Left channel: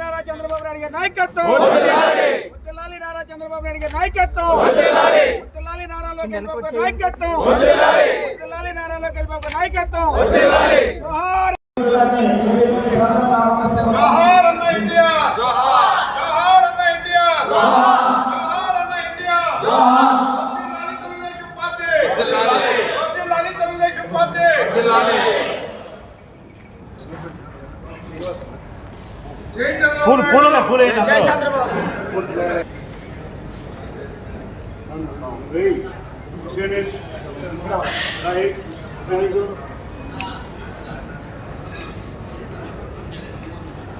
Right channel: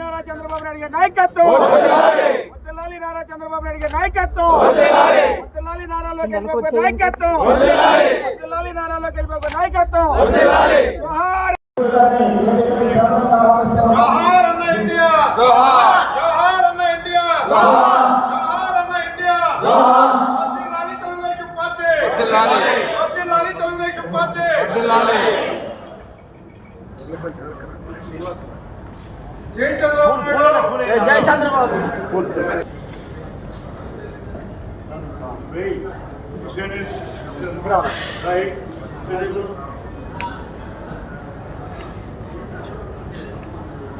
నారా చంద్రబాబు నాయుడు గారి నాయకత్వం, నారా చంద్రబాబు నాయుడు గారి నాయకత్వం, నారా లోకేష్ బాబు గారి నాయకత్వం, నారా లోకేష్ బాబు గారి నాయకత్వం. జోహార్ జోహార్ అన్న ఇండియా, జోహార్ అన్న ఇండియా, జోహార్ అన్న ఇండియా. వర్ధిల్లాలి తెలుగుదేశం పార్టీ, వర్ధిల్లాలి తెలుగుదేశం పార్టీ. జై చంద్రబాబు, జై చంద్రబాబు.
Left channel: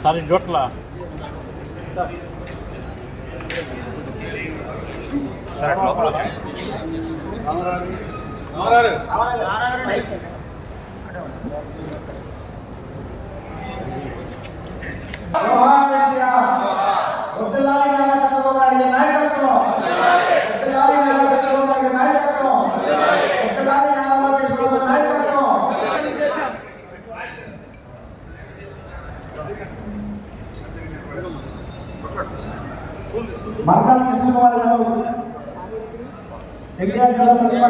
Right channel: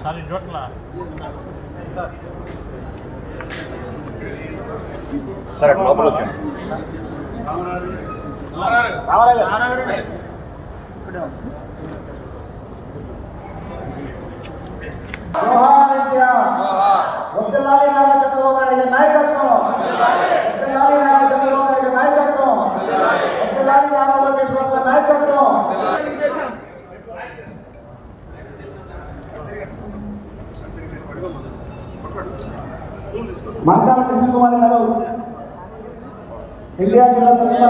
సారీ జోట్ల సరే లోపల వచ్చాను. వర్ధిల్లాలి నారా చంద్రబాబు నాయుడు నాయకత్వం, వర్ధిల్లాలి నారా చంద్రబాబు నాయుడు నాయకత్వం, వర్ధిల్లాలి నారా లోకేష్ బాబు గారి నాయకత్వం. మార్గాల కృష్ణ కుమార్ గారు ఇండియా జిల్లా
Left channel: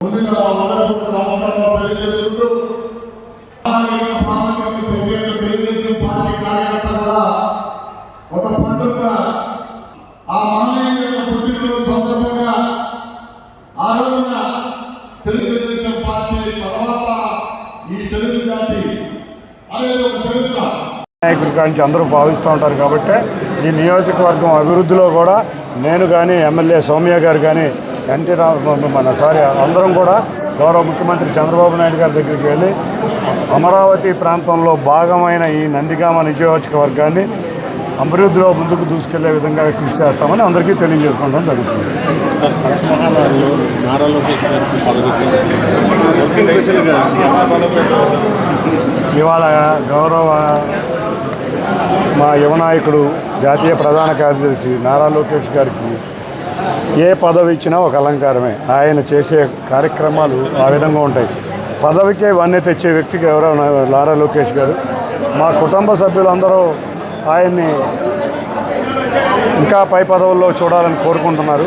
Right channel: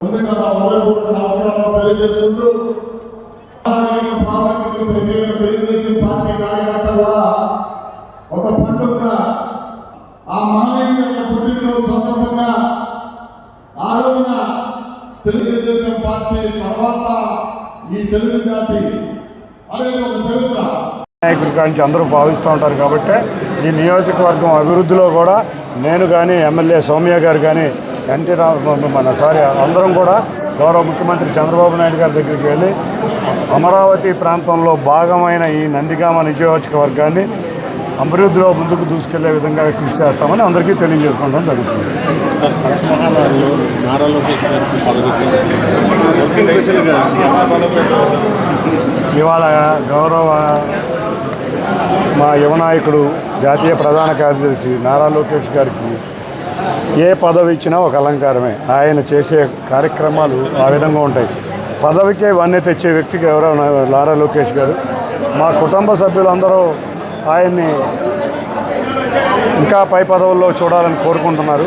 ముందుగా మనపూర్వక నమస్కారాలు తెలియజేసుకుంటూ తెలుగుదేశం పార్టీ కార్యకర్త కూడా ఒక పండుగ ఆ మహనీయుల యొక్క పుట్టినరోజు సందర్భంగా ఆ రోజున తెలుగుదేశం పార్టీ తర్వాత ఈ తెలుగు జాతి అనేది ఒక చరిత్ర నాయకుడి నుంచి అందరూ భావిస్తూ ఉంటారు. కాబట్టి ఈ నియోజకవర్గం అభివృద్ధిలో కూడా నేను కానీ ఎమ్మెల్యే సౌమ్య గారు కానీ అందరం కూడా గౌరవ ముఖ్యమంత్రి చంద్రబాబు నాయుడు గారి దగ్గరికి వెళ్ళి అమరావతి ప్రాంతంలో భాగమైన ఈ నందిగామ నియోజకవర్గాన్ని అభివృద్ధిలో ముందుకు దూసుకెళ్లే విధంగా కృషి చేస్తామని అందరికీ తెలియజేసుకోవడం జరుగుతుంది. ఇవాళ గౌరవ మా యువ నాయకుడు జాతీయ ప్రధాన కార్యదర్శి నారా లోకేష్ గారికి ఏ పదవి ఇచ్చినా ఒక అలంకారమే. ఆయన చేసే కార్యక్రమాలు ఆ విధంగా ఉంటాయి. పదవికే వన్నె తెచ్చే వ్యక్తికి ఎవరో నారా లోకేష్ గారు. మా కుటుంబ సభ్యులందరూ ఆయన్ని ఇంకా పై పదవుల్లో చూడాలని కోరుకుంటున్నారు.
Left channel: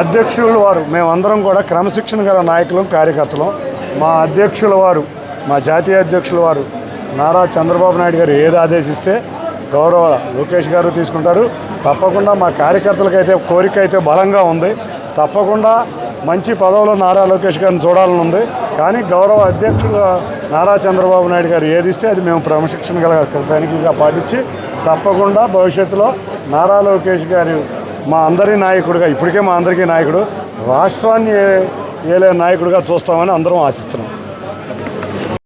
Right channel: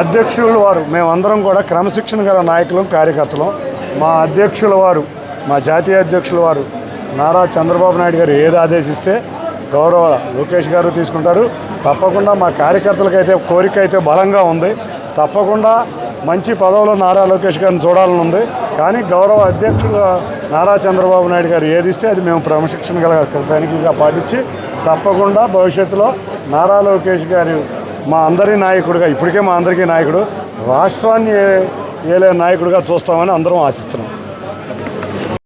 అధ్యక్షులు వారు మేమందరం కూడా క్రమశిక్షణ గల నాయకులం, కార్యకర్తలం. మా అధ్యక్షుల వారు, మా జాతీయ అధ్యక్షుల వారు నారా చంద్రబాబు నాయుడు గారు ఏది ఆదేశిస్తే గౌరవ లోకేష్ గారు తీసుకుంటారు. తప్పకుండా మా కార్యకర్తలకైతే కోరిక అయితే బలంగా ఉంది. తప్పకుండా మంచి పదవులో నారా లోకేష్ గారిని చూడాలని ఉంది. కానీ గౌరవ అధ్యక్షుడు నారా చంద్రబాబు నాయుడు గారు ఏది ఇస్తే అది మేము క్రమశిక్షణ గల సైనికులుగా పాటించి తప్పకుండా భవిష్యత్తులో నారా లోకేష్ గారు మా అందరి నాయకుడిగా, ఇప్పటికే మా అందరికీ నాయకుడు, రాష్ట్రాన్ని ఏలే నాయకుడిగా చూస్తామని అందరం ఆశిస్తున్నాం.